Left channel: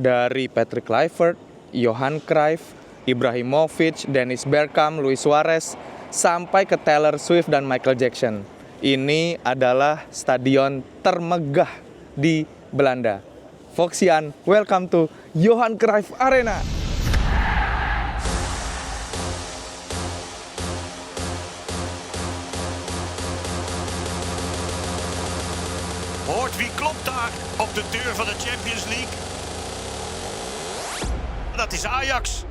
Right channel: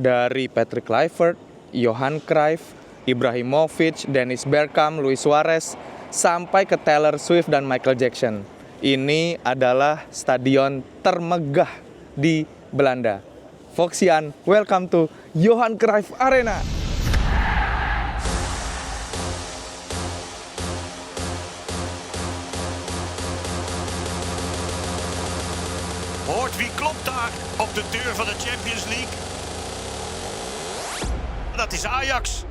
Dari Patrick Kluivert, Johan Cruyff, Ibrahimovic, Dennis Bergkamp, Luis Suarez, sampai ke Taylor Swift dan Michael Jackson. Ini adalah stadion termegah di Belanda. Foxian, welcome to Johan Cruyff Arena. Hoort wie klopt daar op de deur van de Champions League? Dat is Ajax.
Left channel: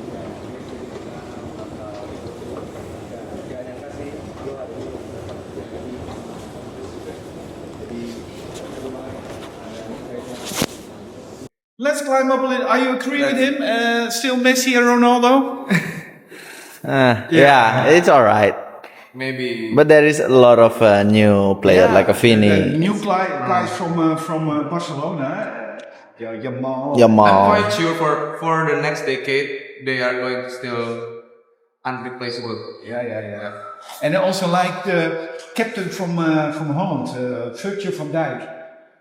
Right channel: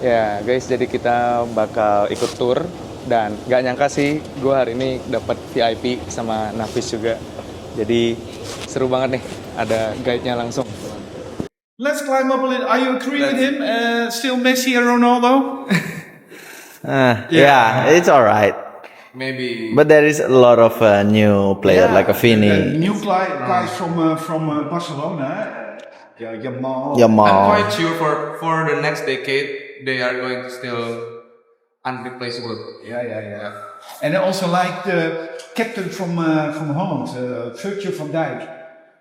Ya guys, jadi kita bakal ikut tour. Dan gak nyangka sih, gue hari ini dapat VIP sama Nafis juga. Jadi seru banget nih, ada guide-nya langsung. Let's climb up a little. Are you agree with him? Still Messi and Ronaldo? Yeah, it's all right. Maybe. But there is a lot of new players like a The Vini, new guys from Barcelona. Yamal. I'm Yamal. quite sure for the next decade, they are going to still unreplaceable. Yeah. And I also like the captain from Holland, Virgil van Dijk,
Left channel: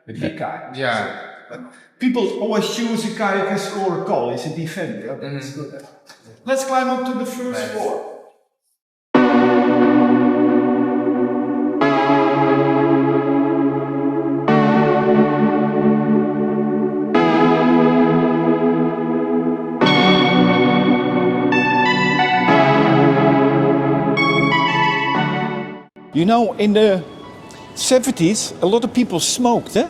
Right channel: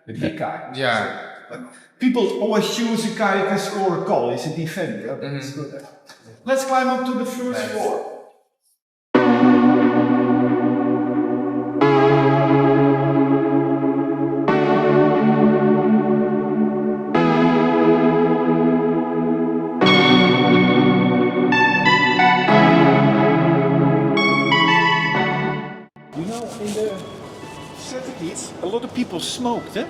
the big guy. Yeah. People always choose a guy who can score a goal. He's a defender. That's good. Let's climb up to the first floor. You know, in the 70s, a lot of people smoked, eh?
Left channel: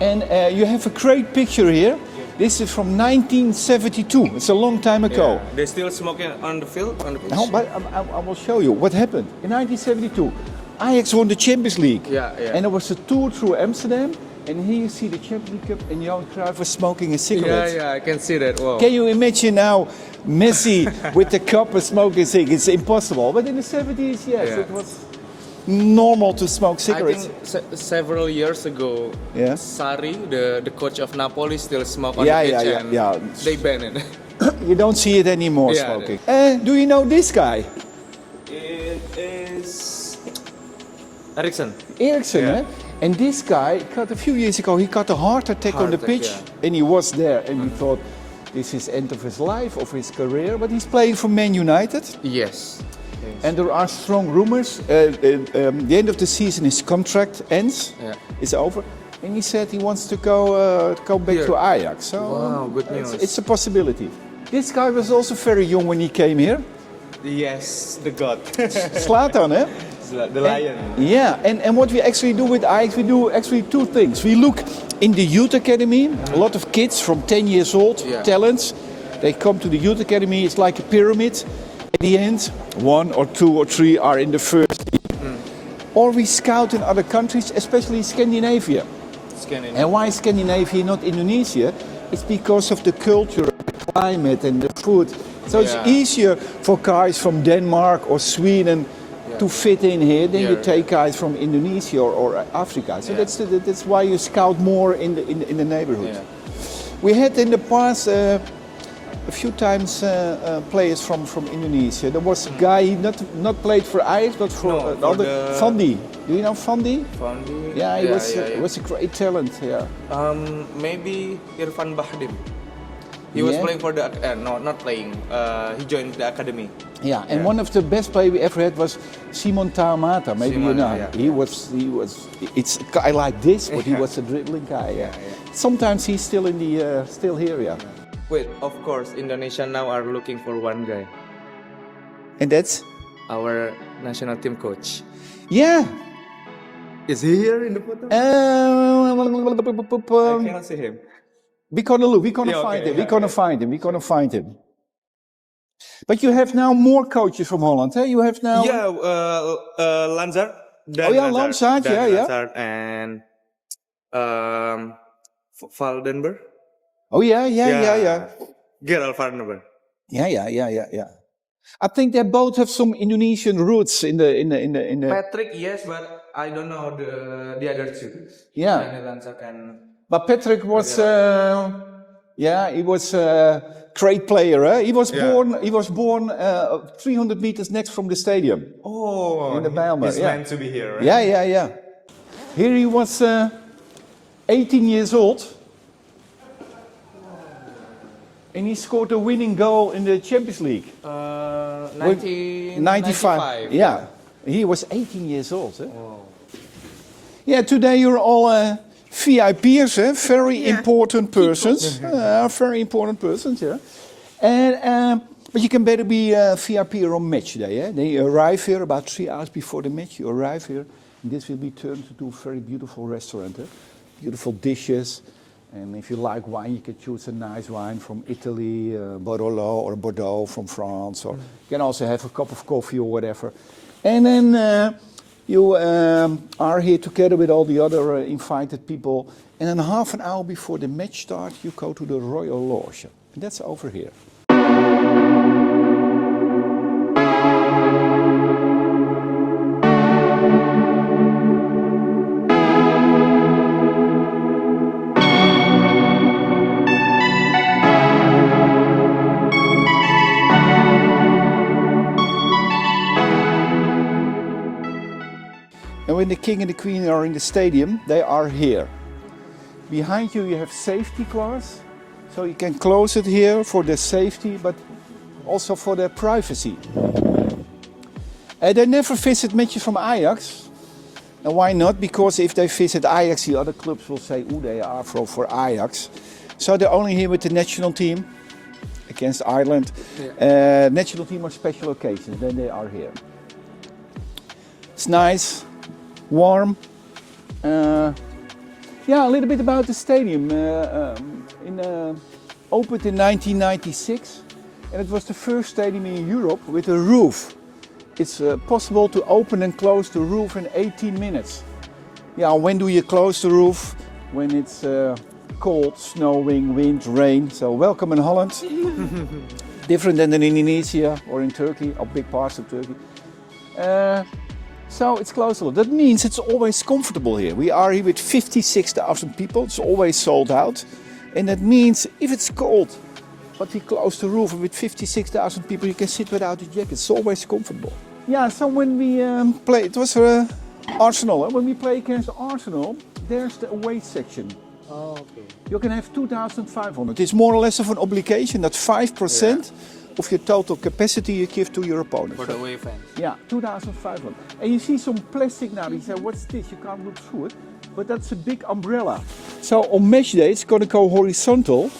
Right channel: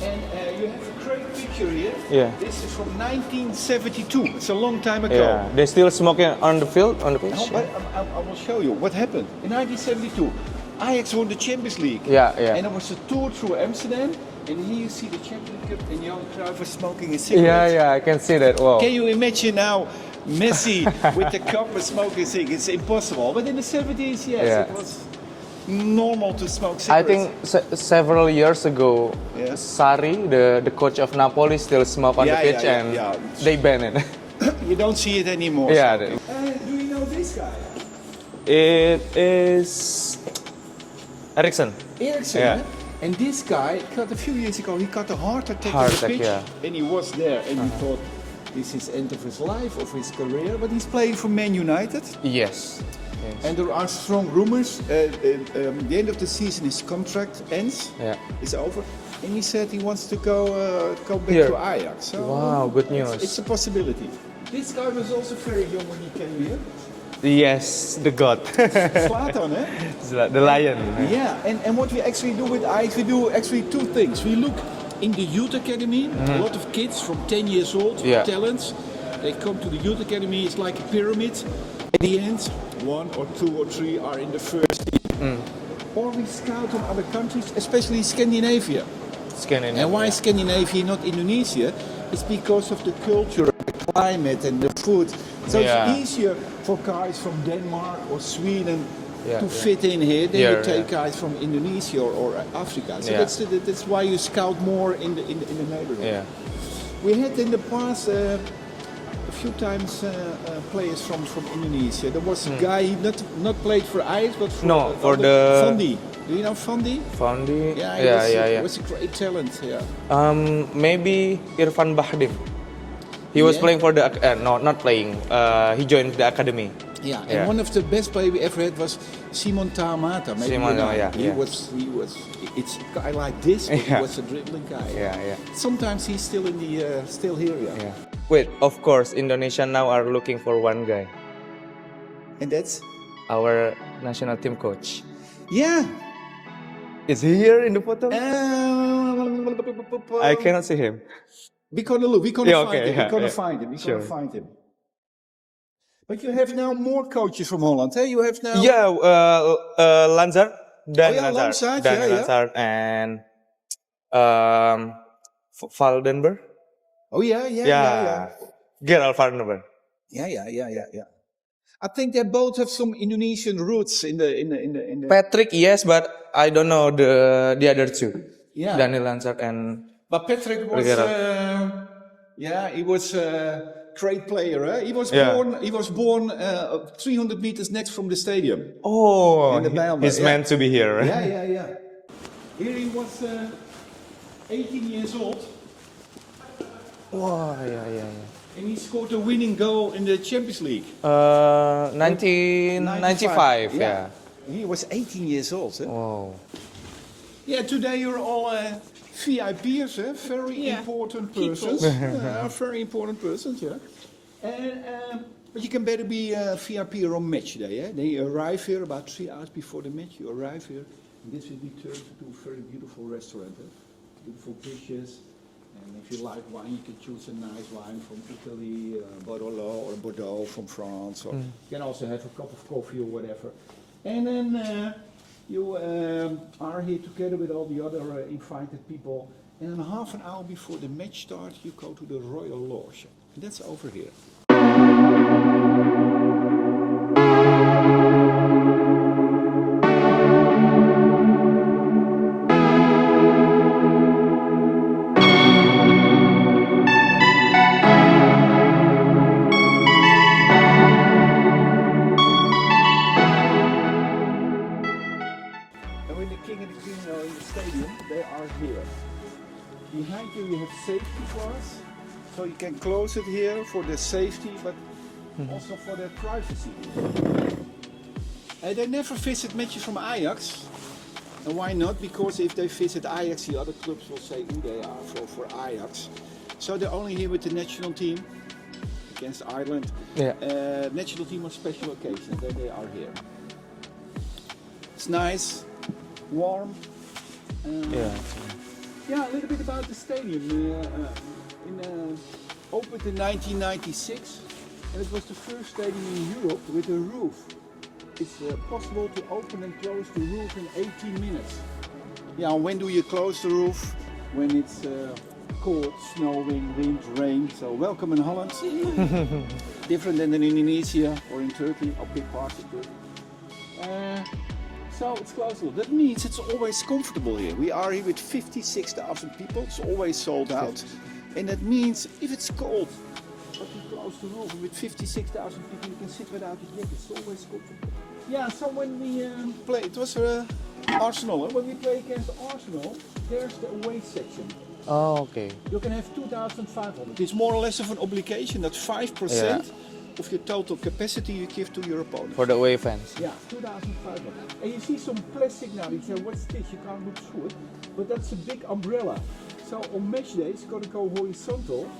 And you have a great picture here. Yeah. This is from 1972. It's a long time ago. Yeah. They're still smoking on the field, on the pitch? No, but I will show you what happened. In 1972, Ajax won the Champions League. Yeah. And there was a tour through Amsterdam. And here you see the Champions Cup and Johan Cruyff was smoking a cigarette. Yeah, I can see that. Wow. Can you imagine now Messi with the cup and smoking a cigarette? It's impossible. But in the 70s, yes, Yeah. it was normal to smoke I cigarettes. think several years ago, Yeah. Sarri, the coach of Napoli, still smoked on Yeah, the pitch yeah, and yeah. they banned it. You don't see it anymore Yeah, smoking. Do you know this guy? It is Eriksen. Eriksen, Yeah. eh? And this guy, a few years ago, he got a heart attack on the attack, pitch. yeah. And he was there and he thought, this is end of his life, of his career. But he's playing for Man United. Yes. And there are strong rumors. The end of the season, his contract ends. Yeah. It's over. And he said he wants to go back Here. to Ajax. So Wow, good news. It's a possibility. This guy was also very young when he came here. Yes, the god. Zlatan, eh? The lion. Yeah, and what we actually do with Ajax, we do actually two things. We look in the youth academy, a lot of kids from 10 years old, Yeah. talents, they come to the youth academy, it's like a pyramid. At the end, 1 or 2 or 3 are in the first year. Or we scout in other countries, especially Scandinavia. And why Scandinavia, not Indonesia? It's because of the culture, the climate and the food. So Yeah. it's easier for guys from Denmark or Sweden to fit in here than you Yeah. take guys from Indonesia or Africa. So Yeah. that's why you scout more in the neighborhood. Yeah. We had in the past a few times players from Indonesia. There was a guy he not played for Ajax but for, No, for the- Fandi. Do you know Fandi? Fandi. Yeah, he yeah. was a great talent. Yeah. Maybe Irfan Bahdim. He was Yeah. playing for the no, not playing. He joined the academy. Yeah, and Yeah. one of the best players we ever had was Simon Tahamata. Maybe Simon, you know. yeah, He yeah. was. It's a guy like this, but he Yeah. was a dribbling guy. Yeah. Sometimes he's still in the still here. Yeah. Wait, of course, Indonesia now are looking for one guy, And that's our national team coach. yeah. Is he here in the photo? I cannot see him. We're gonna look. We're gonna Yeah, find okay, him. yeah, We're gonna yeah. find him. We're gonna Sure. find him. But you have now more coaches from Holland. Hey, you have now. Yeah, Lanzar. Dan Oh, yeah, Lanzar, Dan yeah. Lanzar and Valdenberg. Oh yeah. Gerald Valdenberg. Yeah. I think they both have some Indonesian roots in the. Patrick, yes, but I don't know the other two. Yeah. Daniel Lanzar and But Patrick was, Gerald. he was a great player. Eh? He was Yeah. born 300 meters next from the stadium. oh, In the Bijlmer, he's yeah. meant to be here. Right? Yeah. Here he was 18 years old. Wah, iya. And he scored a winning goal in the Champions League. 1995. Yeah. He was 18 years old. Huh? Wow. Yeah, today you're all VIPers, very important persons. Very important persons, yeah. And but you can better be a VIP on match day. Yeah? They arrive here about 3 hours before the match. You arrive here, and this will be turned into a very beautiful restaurant. Beautiful dishes, and if you like wine, you can choose a nice wine from Italy, Barolo or Bordeaux from France. Or you can also have a cup of coffee or whatever. And then you are here together with all the other invited people. And then half an hour before the match starts, you go to the Royal Lodge. And that's over here. And when the king and the queen are in the stadium, they are here. Behind you have safety glass, so you can close it here for the safety, but also for their privacy. And they never visit matches from Ajax. And why not? Because if they visit Ajax, the other clubs will say, "Oh, they are for Ajax." So they're only here with the national team against Ireland. Yeah. National team on special occasions, then they are here. It's nice. Warm. Yeah, a little bit about the stadium. Opened in 1996, and it was the first stadium in Europe with a roof. It's possible to open and close the roof in 18 minutes. Yeah, when do you close the roof? When it's cold, snowing, wind, rain. So welcome in Holland. Different than in Indonesia or in Turkey, or big parts of Turkey. So it's closed a lot. That means it's always comfortable here. We are here with 56,000 people. It's always sold out. And that means if it's cold, but we close the roof and with 56,000 people, you can sit without a jacket. It's always comfortable. Yeah, so when we play, it was Arsenal. When we play against Arsenal, there's the away section. Oh, okay. You can have 2,500. It's more or less of an obligation that 5% of your total capacity you give to your opponent. For the away fans. Yeah, 2,500. And you see some plastic now. You say, what's this? You can't look through it. But that's a big umbrella. So on match day, it's going to go horizontal.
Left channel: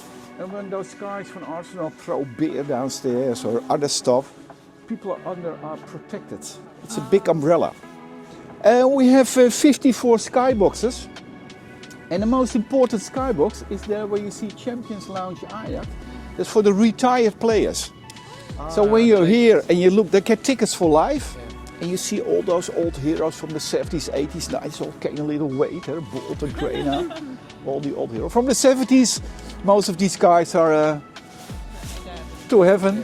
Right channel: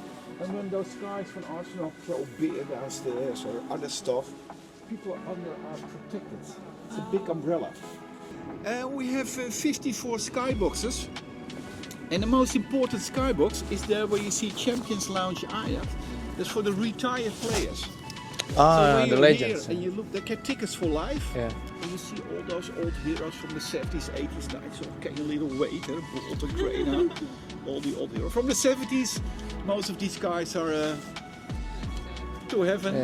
And when those guys from Arsenal throw beer downstairs or other stuff, people under are protected. It's a big umbrella. We have 54 skyboxes. And the most important skybox is there where you see Champions Lounge Ajax. That's for the retired players. So when you're here and you look, they get tickets for life. Yeah. And you see all those old heroes from the 70s, 80s, 90s, all carrying a little weight, Bolt and Grena, all the old heroes. From the 70s, most of these guys are to heaven.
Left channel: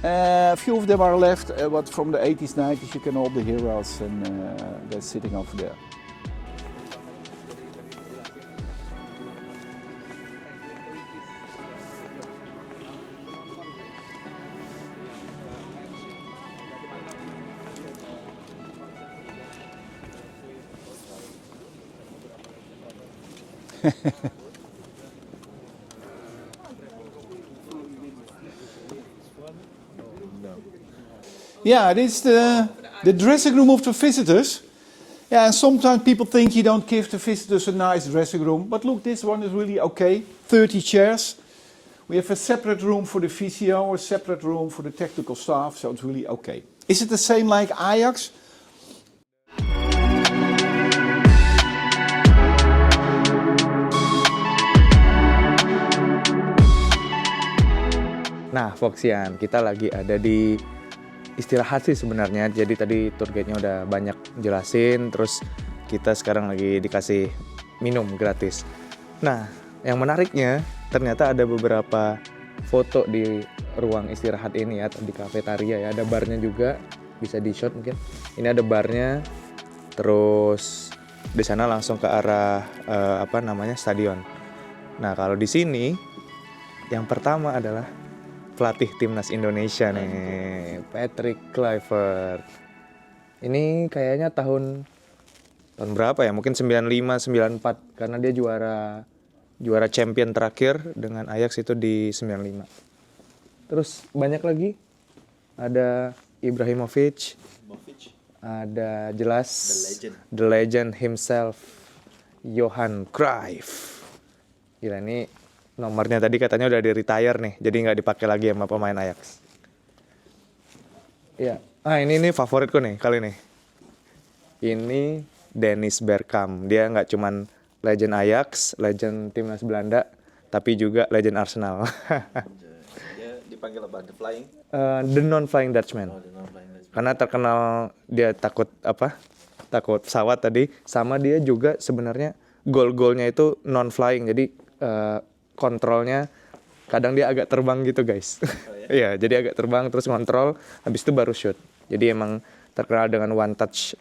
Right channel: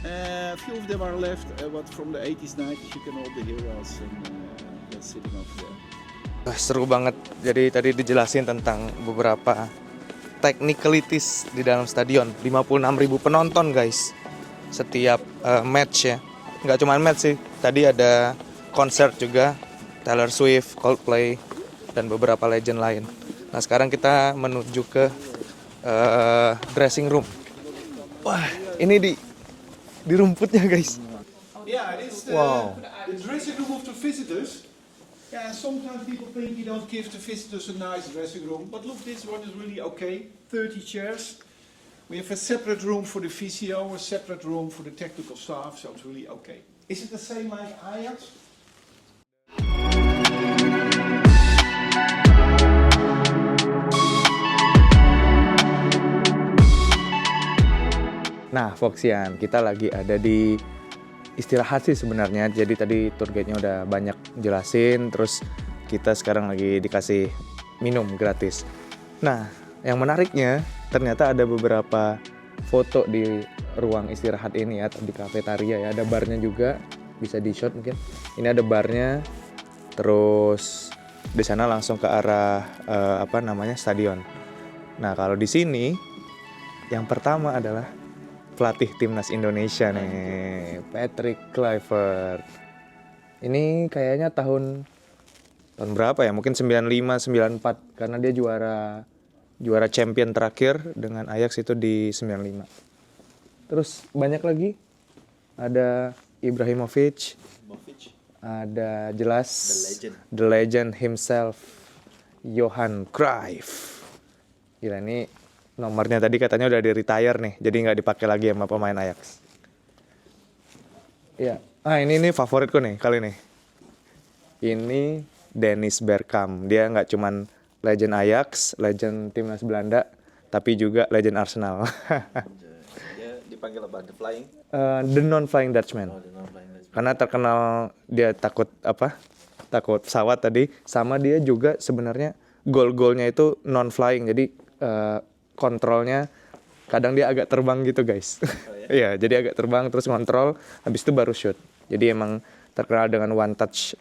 Yeah. A few of them are left, but from the 80s, 90s, you can all the heroes and they're sitting over there. Seru banget. Jadi tadi dijelasin tentang beberapa technicalities di dalam stadion. 56.000 penonton guys setiap match ya. Nggak cuma match sih, tadi ada konser juga, Taylor Swift, Coldplay, dan beberapa legend lain. Nah sekarang kita menuju ke dressing room. Wah ini di rumputnya guys. Yeah, this is the dressing room of the visitors. Yeah, and sometimes people think you don't give the visitors a nice dressing room. But look, this one is really okay. 30 chairs. We have a separate room for the physio, a separate room for the technical staff, so it's really okay. Is it the same like Ajax? Nah Foxian, kita lagi ada di istirahat sih sebenarnya. Jadi tadi tour guide-nya udah banyak jelasin, terus kita sekarang lagi dikasih minum gratis. Nah, yang menariknya ternyata ada beberapa foto di ruang istirahat ini ya, di kafetaria ya. Ada barnya juga, bisa di shot mungkin. Ini ada barnya, terus di sana langsung ke arah stadion. Nah, kalau di sini yang pertama adalah pelatih timnas Indonesia nih, Patrick Kluivert. Ini kayaknya tahun berapa ya? Mungkin 95, 94 karena dia juara juara champion terakhir dengan Ajax itu di 95. Terus banyak lagi, ada Ibrahimovic, ada jelas the legend himself, Johan Cruyff. Gila, ini nomornya tadi katanya udah di retire nih, jadi nggak dipakai lagi sama pemain Ajax. Iya, ini favoritku nih kali ini. Ini Dennis Bergkamp. Dia nggak cuman legend Ajax, legend timnas Belanda, tapi juga legend Arsenal. Dia dipanggil apa? The Flying? The non-flying Dutchman. Karena terkenal dia takut pesawat tadi. Sama dia juga sebenarnya gol-golnya itu non-flying. Jadi kontrolnya kadang dia agak terbang gitu guys. Iya, jadi agak terbang terus ngontrol, habis itu baru shoot. Jadi emang terkenal dengan one touch,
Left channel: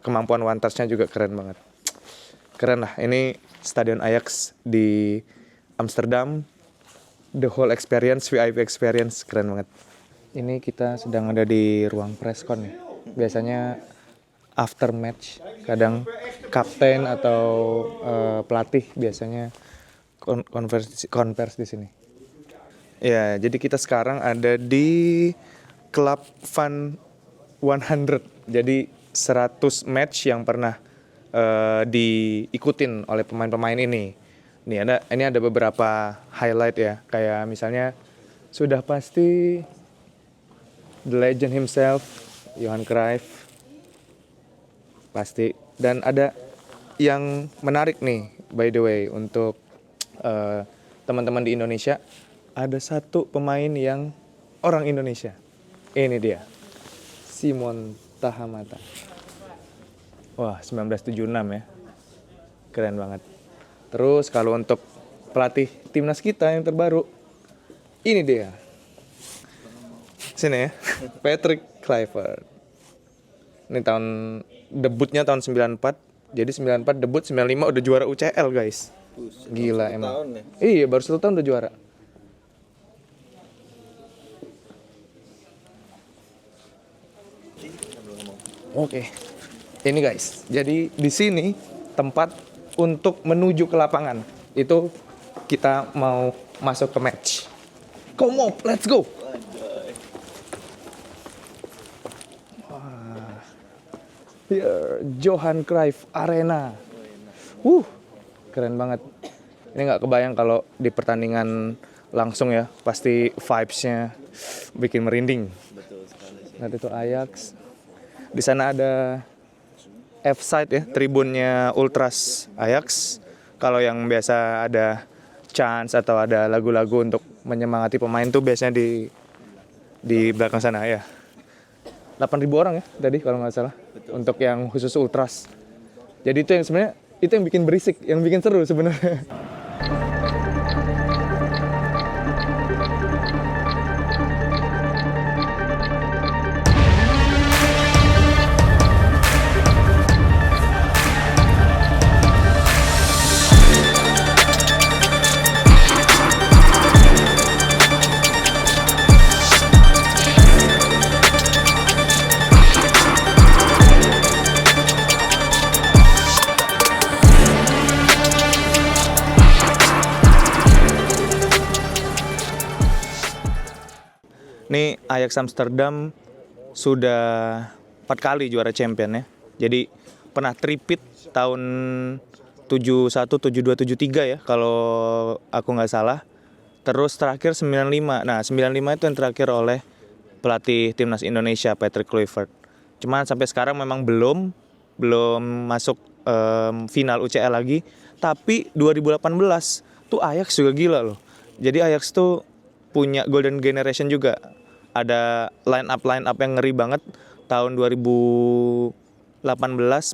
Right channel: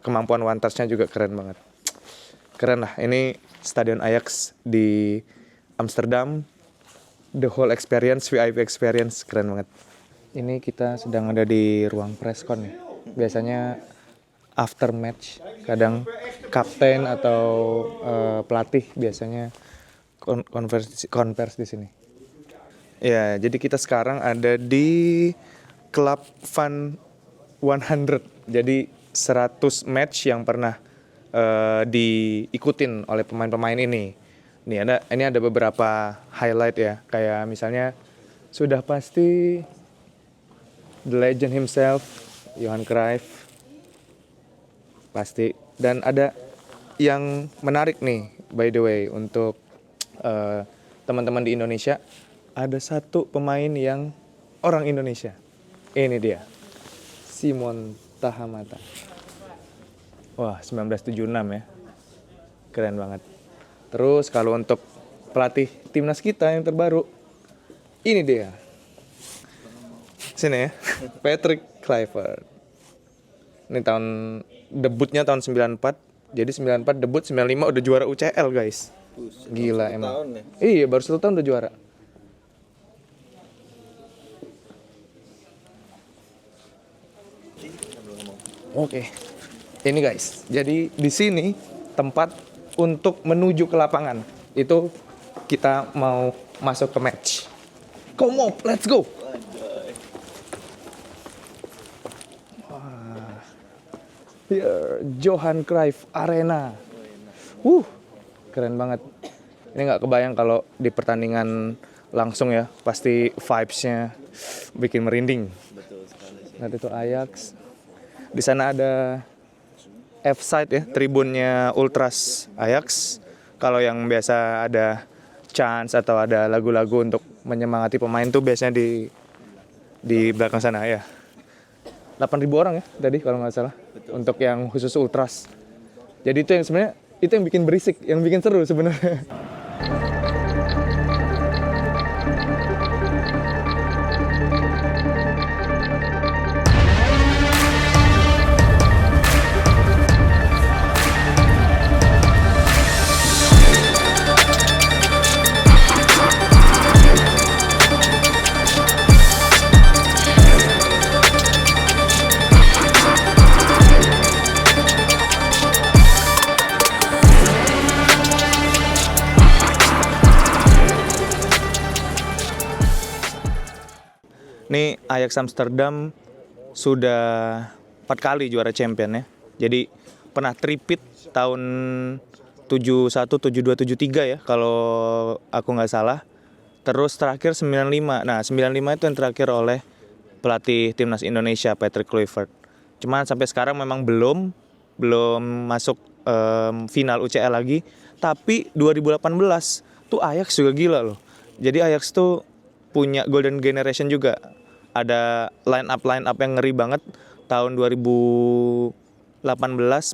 kemampuan one touch-nya juga keren banget. Keren lah, ini Stadion Ajax di Amsterdam, the whole experience, VIP experience, keren banget. Ini kita sedang ada di ruang presscon ya. Biasanya after match, kadang kapten atau pelatih biasanya konversi di sini. Ya, jadi kita sekarang ada di Club Fun 100. Jadi 100 match yang pernah diikutin oleh pemain-pemain ini. Ini ada beberapa highlight ya, kayak misalnya sudah pasti the legend himself, Johan Cruyff. Pasti. Dan ada yang menarik nih, by the way, untuk teman-teman di Indonesia. Ada satu pemain yang orang Indonesia. Ini dia, Simon Tahamata. Wah, 1976 ya. Keren banget. Terus kalau untuk pelatih timnas kita yang terbaru, ini dia. Sini ya, Patrick Kluivert. Ini debutnya tahun 94. Jadi 94 debut, 95 udah juara UCL guys. Gila emang. Tahun ya? Iya, baru 1 tahun udah juara. Oke. Ini guys. Jadi di sini tempat untuk menuju ke lapangan. Itu kita mau masuk ke match. Come on, let's go. Wah. Here, Johan Cruyff Arena. Keren banget. Ini nggak kebayang kalau di pertandingan langsung ya, pasti vibes-nya bikin merinding. Betul sekali sih. Nanti itu Ajax. Di sana ada F-side ya, tribunnya Ultras Ajax. Kalau yang biasa ada chants atau ada lagu-lagu untuk menyemangati pemain tuh biasanya di belakang sana ya. 8.000 orang ya tadi kalau nggak salah. Betul. Untuk yang khusus Ultras. Jadi itu yang sebenarnya itu yang bikin berisik, yang bikin seru sebenarnya. Nih Ajax Amsterdam sudah 4 kali juara champion ya. Jadi pernah tripit tahun 71, 72, 73 ya kalau aku nggak salah. Terus terakhir 95. Nah 95 itu yang terakhir oleh pelatih timnas Indonesia Patrick Kluivert. Cuman sampai sekarang memang belum masuk final UCL lagi. Tapi 2018 tuh Ajax juga gila loh. Jadi Ajax tuh punya golden generation juga. Ada line up yang ngeri banget. Tahun 2018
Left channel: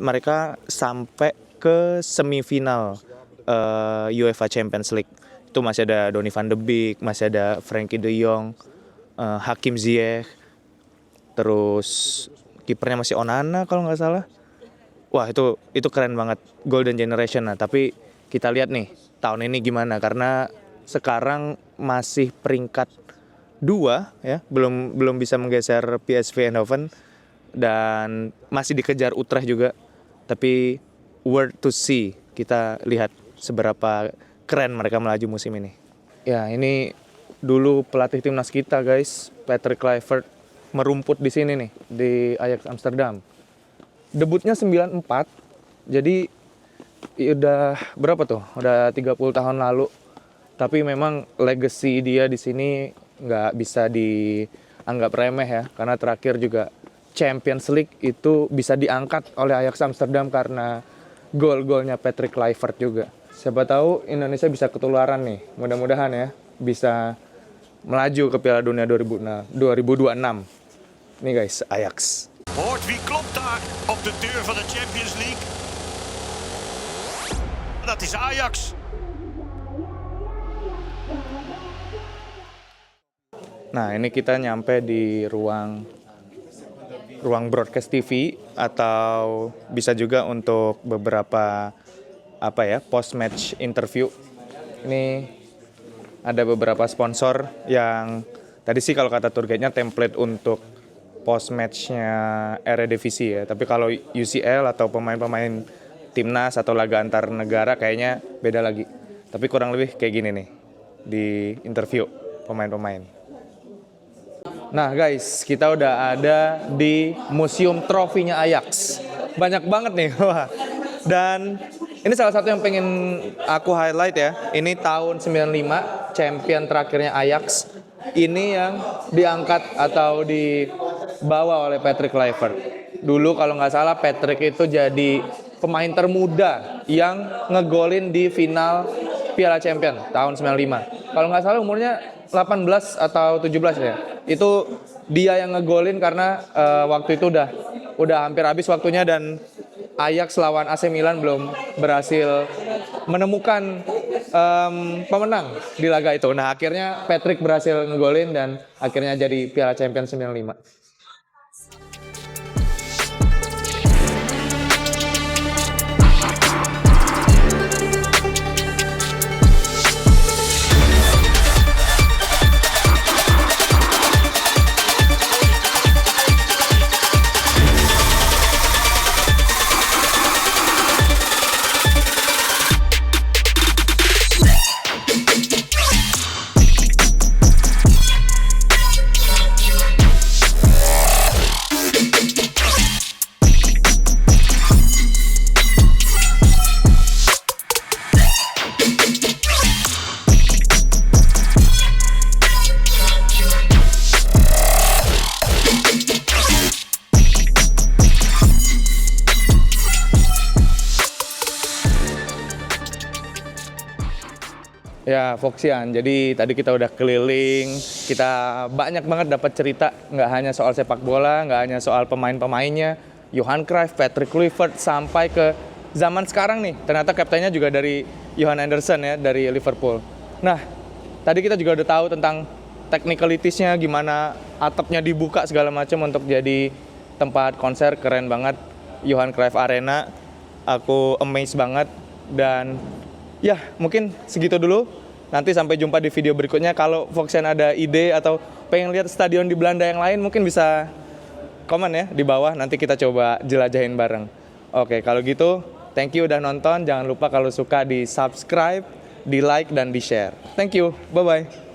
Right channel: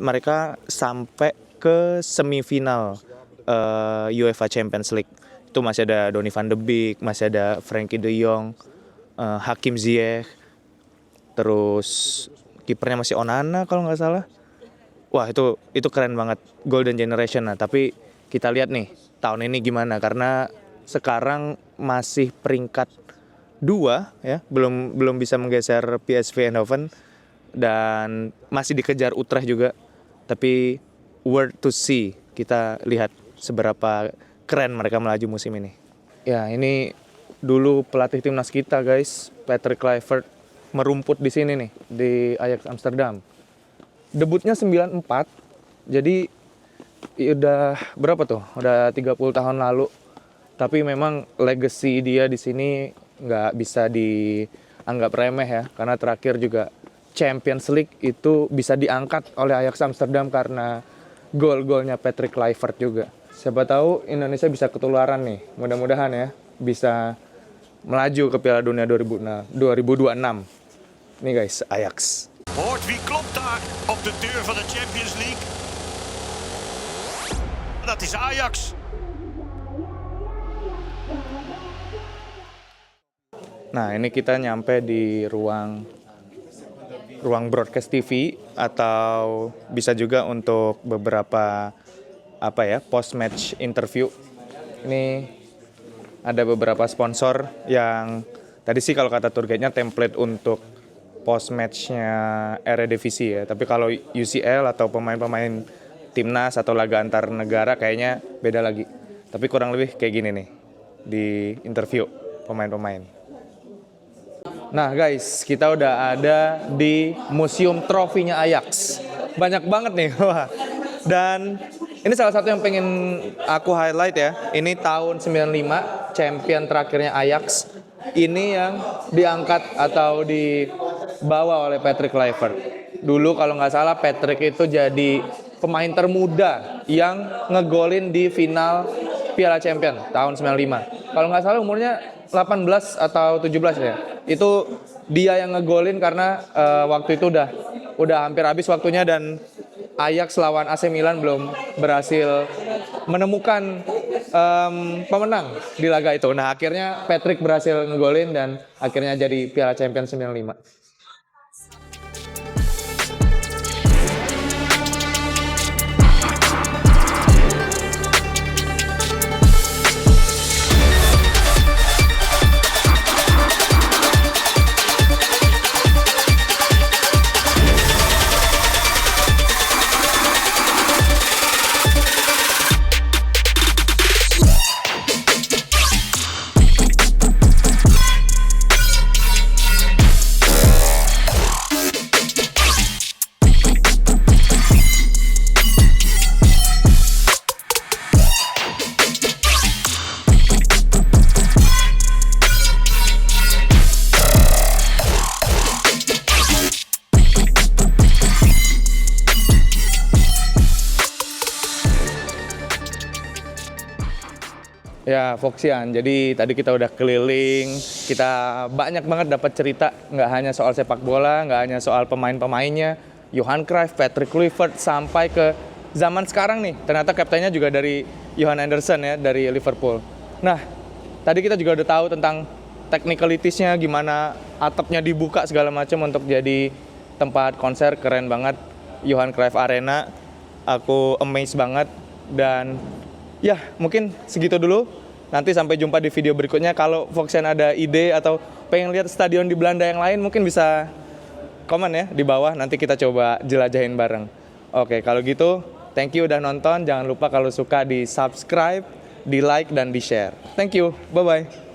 mereka sampai ke semifinal UEFA Champions League. Itu masih ada Donny van de Beek, masih ada Frenkie de Jong, Hakim Ziyech, terus kipernya masih Onana kalau nggak salah. Wah itu keren banget, golden generation. Nah tapi kita lihat nih tahun ini gimana, karena sekarang masih peringkat 2 ya, belum bisa menggeser PSV Eindhoven dan masih dikejar Utrecht juga. Tapi worth to see, kita lihat seberapa keren mereka melaju musim ini. Ya, ini dulu pelatih timnas kita, guys, Patrick Kluivert merumput di sini nih, di Ajax Amsterdam. Debutnya 94, jadi udah berapa tuh? Udah 30 tahun lalu. Tapi memang legacy dia di sini nggak bisa dianggap remeh ya, karena terakhir juga Champions League itu bisa diangkat oleh Ajax Amsterdam karena gol-golnya Patrick Kluivert juga. Siapa tahu Indonesia bisa ketularan nih, mudah-mudahan ya, bisa melaju ke Piala Dunia 2026. Nih guys, Ajax. Hoort wie klopt daar op de deur van de Champions League? Dat is Ajax. Nah, ini kita nyampe di ruang broadcast TV atau bisa juga untuk beberapa post match interview. Ini ada beberapa sponsor yang tadi sih kalau kata tour guide-nya template untuk post match-nya Eredivisie ya. Tapi kalau UCL atau pemain-pemain timnas atau laga antar negara kayaknya beda lagi. Tapi kurang lebih kayak gini nih di interview pemain-pemain. Nah guys, kita udah ada di museum trofinya Ajax. Banyak banget nih. Dan ini salah satu yang pengen aku highlight ya. Ini tahun 95, champion terakhirnya Ajax. Ini yang diangkat atau dibawa oleh Patrick Kluivert. Dulu kalau nggak salah Patrick itu jadi pemain termuda yang ngegolin di final Piala Champion tahun 95. Kalau nggak salah umurnya 18 atau 17 ya. Itu dia yang ngegolin karena waktu itu udah hampir habis waktunya dan Ajax lawan AC Milan belum berhasil menemukan pemenang di laga itu. Nah, akhirnya Patrick berhasil ngegolin dan akhirnya jadi Piala Champions 95. Ya, Foxian. Jadi tadi kita udah keliling, kita banyak banget dapat cerita, nggak hanya soal sepak bola, nggak hanya soal pemain-pemainnya, Johan Cruyff, Patrick Kluivert, sampai ke zaman sekarang nih. Ternyata kaptennya juga dari Johan Anderson ya, dari Liverpool. Nah, tadi kita juga udah tahu tentang technicalities-nya, gimana atapnya dibuka segala macam untuk jadi tempat konser, keren banget. Johan Cruyff Arena, aku amazed banget dan ya, mungkin segitu dulu. Nanti sampai jumpa di video berikutnya. Kalau Foxian ada ide atau pengen lihat stadion di Belanda yang lain, mungkin bisa komen ya di bawah. Nanti kita coba jelajahin bareng. Oke, kalau gitu, thank you udah nonton. Jangan lupa kalau suka di subscribe, di like, dan di share. Thank you, bye-bye.